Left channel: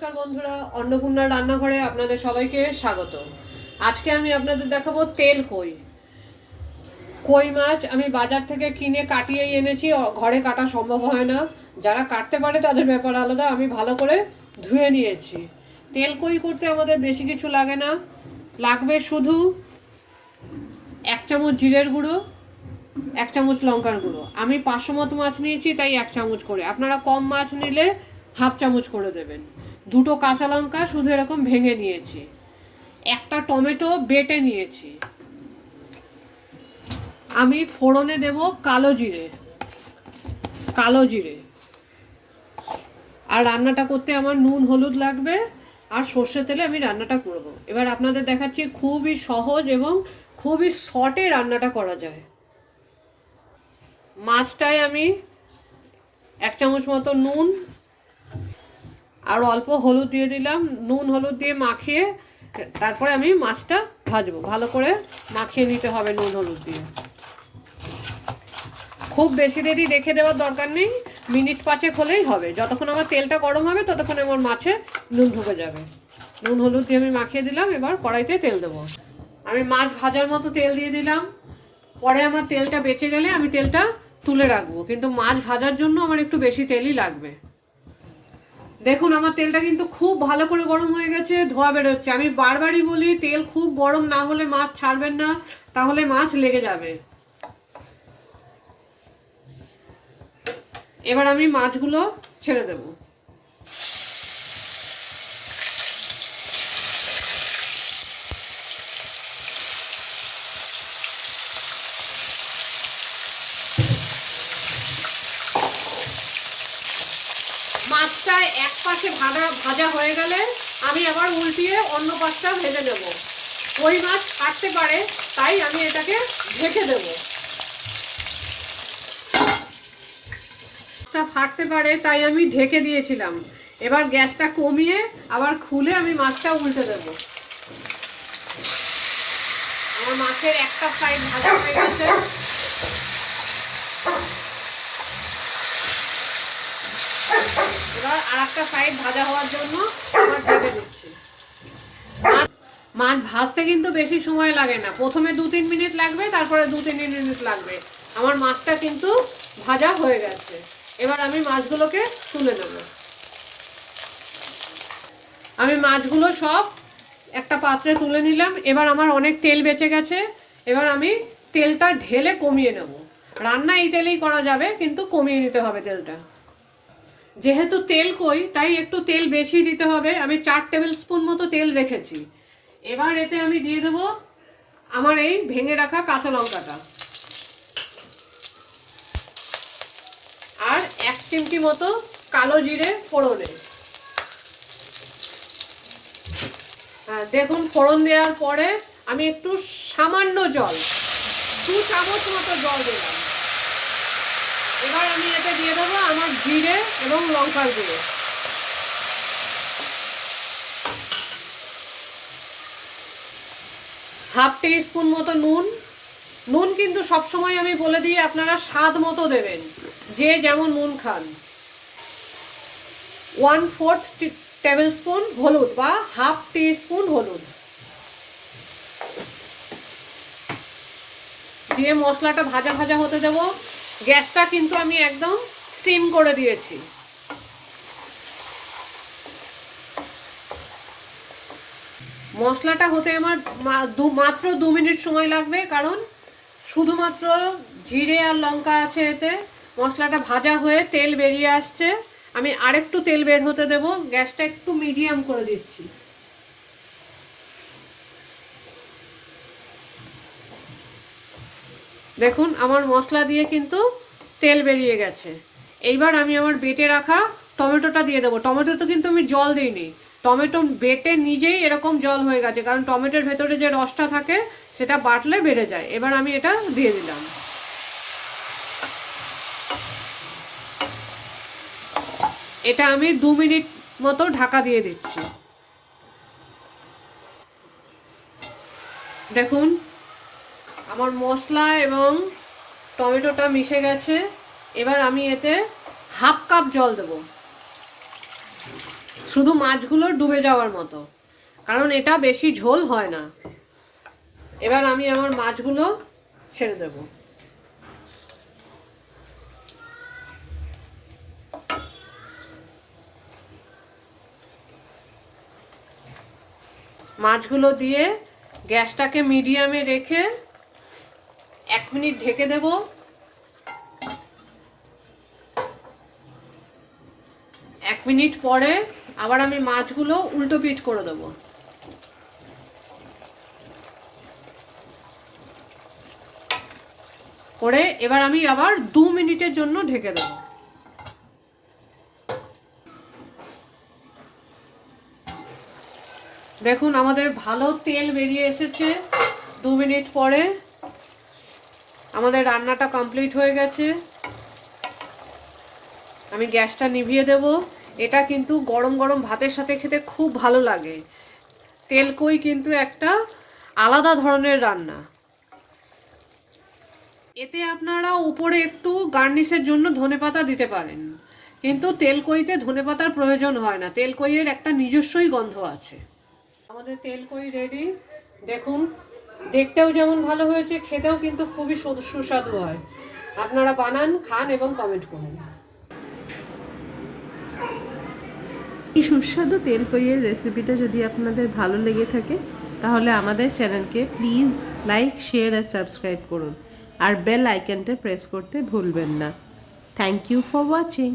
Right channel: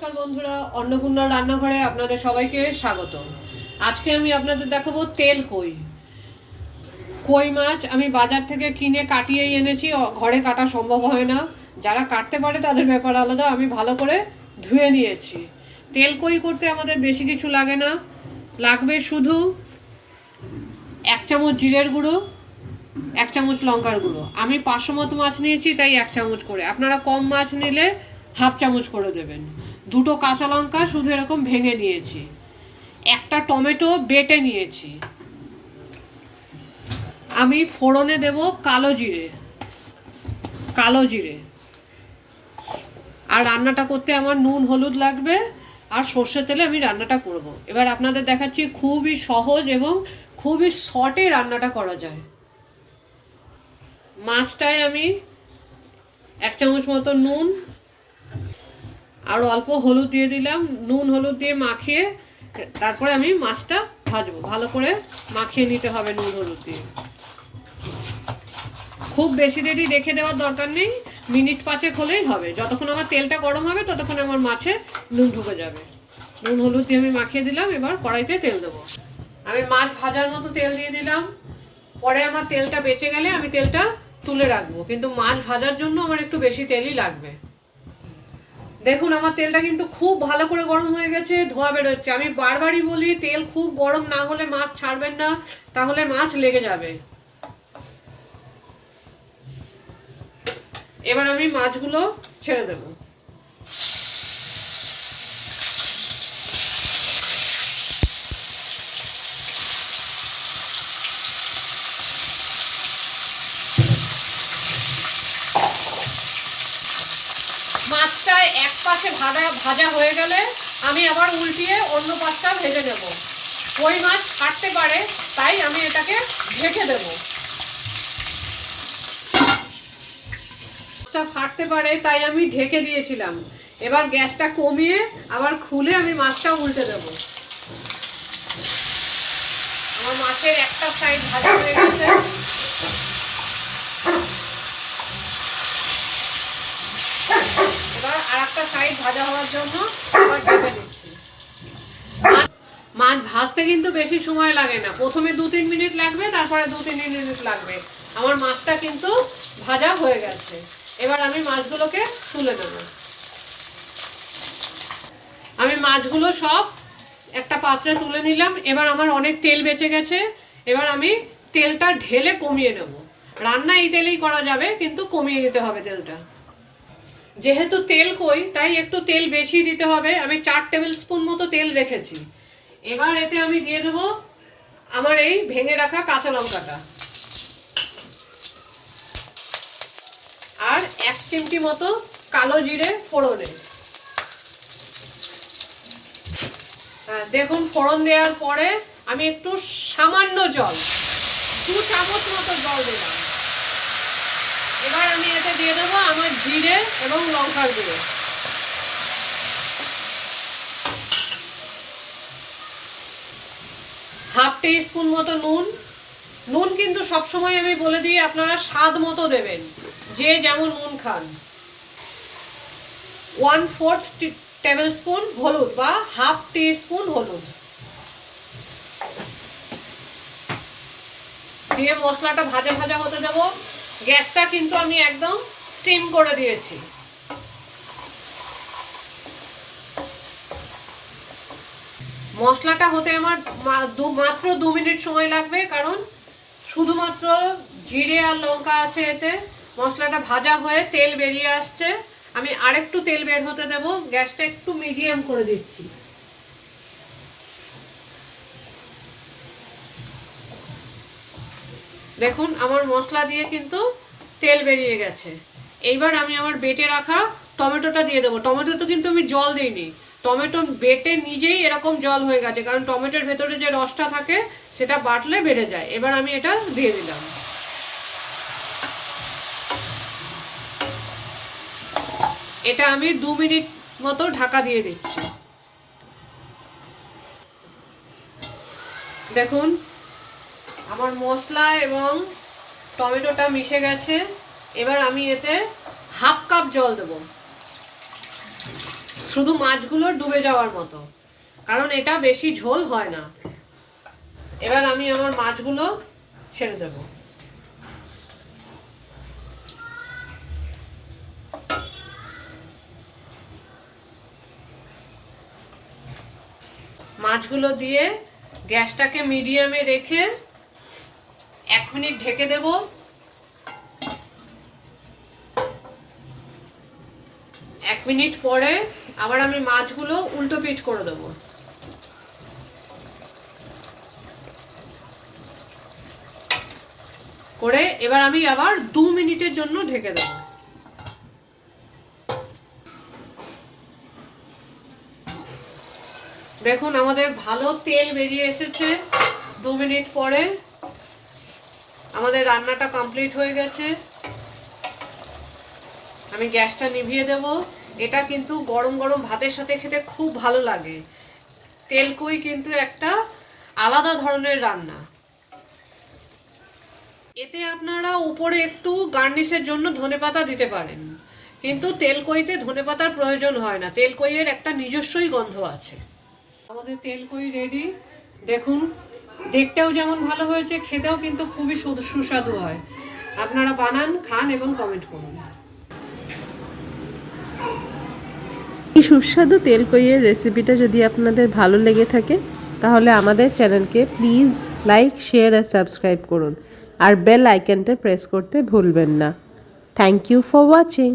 নমস্কার বন্ধুরা, অন্নপূর্ণার রান্নাঘরে আপনাদের সবাইকে স্বাগত। আজকে আমি আপনাদের দেখাবো তেল কই। কই মাছ আমি বাজার থেকে কিনে কাটিয়ে এনেছি, ঘরে কাটা সম্ভব হয় না। যারা কাটতে পারে তাদের ব্যাপার আলাদা। আমি ভালো করে ধুয়ে নিয়েছি। তেল কই করতে আমাদের বেশি কিছু লাগে না, লাগবে শুধু 1 চামচ জিরের গুঁড়ো, 1 চামচ লঙ্কার গুঁড়ো। আমি 500 মতো মাছ নিয়েছি, তাই 1 চামচ করে। আপনারা কম মাছ নিলে হাফ চামচ করে দেবেন। 2টো কাঁচা লঙ্কা শুধু এরকম ভেঙে নিয়েছি। 1টা টমেটো বেটে নিয়েছি। আমি ফোড়নে দেব কালো জিরে। আর রান্নাটা করতে আমার নুন হলুদ লাগবে, আর সর্ষের তেলে আমি রান্নাটা করব। এবার আপনাদের দেখাচ্ছি, খুবই সহজ এবং খুবই শর্টে রান্নাটা করা যায়। মাছটায় আমি 1 চামচ মতো নুন আর অল্প হলুদ দিয়ে দিলাম। নুন হলুদ দিয়ে মাখিয়ে তারপরে আমি মাছটা ভাজবো। ভালো করে মাখিয়ে নিতে হবে নুন হলুদ দিয়ে। খুব বেশি দেরি রেখে দেওয়ার দরকার নেই, মিনিট 5 হলেই হবে। যতক্ষণ আমার তেলটা গরম হবে ততক্ষণ আমার মাছে নুন ঢুকে যাবে। নুন হলুদ দিয়ে আমি মাখিয়ে দিলাম। এবার কড়াইতে তেল দেবো। আমি মাছ ভাজার মতো তেল দিয়ে দিলাম। পরে আমার তেলটা বেঁচে গেলে আমি তেলটা তুলে রাখবো, কিন্তু মাছ ভাজার জন্য আমার একটু বেশি তেলই লাগবে। দেখুন, আমার তেলটা কিন্তু খুব ভালো করে গরম হয়ে গেছে, ধোয়া বেরোচ্ছে। আমি বারবারই বলি, তেল খুব গরম না হলে মাছ ছাড়বেন না, তাহলে মাছ লেগে যাবে। এবার আমি মাছগুলো ছেড়ে দেব। মাছটা এক পাশে ভাজা হয়ে গেলে আমি আবার উল্টিয়ে অন্য পাশটা ভেজে দেব। ওই মাছ কাটতে পারে, তাই আমি এটাকে ঢেকে দেব। ফাটতে পারে তাই আমি ঢেকে দিয়েছিলাম। এবার গ্যাসটা কমিয়ে আবার খুলে আমি মাছটা উল্টে দেব। আমার মাছের একটা সাইড ভাজা হয়ে গেছে। এবার আর একটা সাইড ভাজা হওয়ার জন্য আবার ভেজে নিচ্ছি। মাছ ভাজতে কিন্তু বেশি সময় লাগে না। প্রথমে 2-3 মিনিট লাগবে, তারপরে 2-3 মিনিট লাগবে। আমার মাছটা কিন্তু ভাজা হয়ে গেছে। এবার আমি মাছগুলোকে তুলে নেব। আমি মাছগুলো সব একটা পাত্রে তুলে নিলাম। এবার আমার অনেক তেল বেঁচে গেছে। এবার আমি তেলটা ঢেলে কমিয়ে নেব। রান্না এই তেলেই করা যাবে, কিন্তু কমিয়ে নিতে হবে তেলটা। যেহেতু তেল কই, তাই একটু তেল বেশি দিতে হবে। আমি 4 টেবিল স্পুন মতো তেল রেখেছি। এবার এতে আমি দিয়ে দেব আমার এই ভেঙে রাখা কাঁচা লঙ্কাটা, আর 1 চিমটি মতো কালো জিরে ফোড়নে। দেখুন, ফোড়ন দেওয়ার পরে আমি একটু সামান্য জল, 2 চামচ মতো জল দিলাম। এবার আমি এতে দিয়ে দেবো আমার জিরে এবং লঙ্কার গুঁড়ো। হাফ টিস্পুন মতো নুন। নুন কিন্তু সবসময় আমি বলে দিই, আপনারা স্বাদ মতো দেবেন, যে যেমন নুন খান। 1/4 টেবিল স্পুন হলুদ বা হাফ টিস্পুন হলুদ দিয়ে মশলাটা ভাজা ভাজা হতে দেব। গ্যাসটা কিন্তু আমি একদম সিম করে দিয়েছি। মশলাটা হতে আমার মাত্র 2 মিনিট সময় লাগবে, কারণ শুধুমাত্র জিরে আর লঙ্কা আছে এতে। মশলাটা ভাজা হয়ে তেল বেরিয়ে আসছে। আমি আরেকটু তেল বের হতে দেব। গ্যাসটা একটু মিডিয়াম করে দিচ্ছি। দেখুন, আমার মশলা দিয়ে কিন্তু তেল বেরিয়ে গেছে। এইবার আমি আমার বেটে রাখা টমেটোটা দিয়ে দেবো। টমেটোতে কিন্তু আমি জল দিইনি, টমেটো বেটে নিজেই এরকম জল হয়ে গেছে, কারণ টমেটোর ভেতরে যে রসটা থাকে সেটা বাটলে বেড়ে যায়। এবার আমি এটা দিয়ে দিলাম। এটা আমি 2 মিনিট মতো ঢাকা দিয়ে দিচ্ছি। দেখুন, আমার মশলা এবং টমেটোটা মিশে গেছে। এবার আমি এতে হাফ কাপ জল দেব। শুধু মাছগুলো ডুবে যাওয়ার মতো, কারণ এটা বেশি ঝোল হয় না। এবার আমি আমার মাছগুলো ছেড়ে দেব। মাছগুলো দিয়ে গ্যাসটাকে মিডিয়ামে রেখে 1 মিনিট ঢেকে দেব। 1 মিনিট পরে আবার আমি মাছগুলো উল্টো পিঠ করে দেবো। করে এবার আমি আবার 2 মিনিটের জন্য ঢেকে দেব। দেখুন আমাদের ভালো তেল বেরিয়ে এসেছে। 2 মিনিট পরে আমাদের রান্নাটা কমপ্লিট হয়ে গেছে। আমি গ্যাসটা নিভিয়ে দেব। এটা কিন্তু গরম গরম ভাতের সাথে খেতে খুব ভালো লাগে। তেলকই কিন্তু একটা আলাদা ধরনের রান্না। এতে আপনারা উপরে একটু গার্নিশের জন্য ধনেপাতা দিতে পারেন, কিন্তু তেলকইতে ধনেপাতার প্রয়োজন হয় না। তেলকইয়ের একটা নিজস্বই গন্ধ আছে। আমাদের তেলকই রেডি। দেখুন দেখতেও যেমন ভালো হয়েছে, খেতেও কিন্তু খুবই সুস্বাদু হয়। আপনারা বানান, খান এবং কমেন্ট করুন। এই সুস্বাদু তেলকইয়ের রেসিপিটা যদি আপনাদের ভালো লেগে থাকে তাহলে আমাদের চ্যানেলকে প্লিজ লাইক, শেয়ার আর সাবস্ক্রাইব করুন, আর বেল আইকনটা প্রেস করতে ভুলবেন না। Thank you for watching.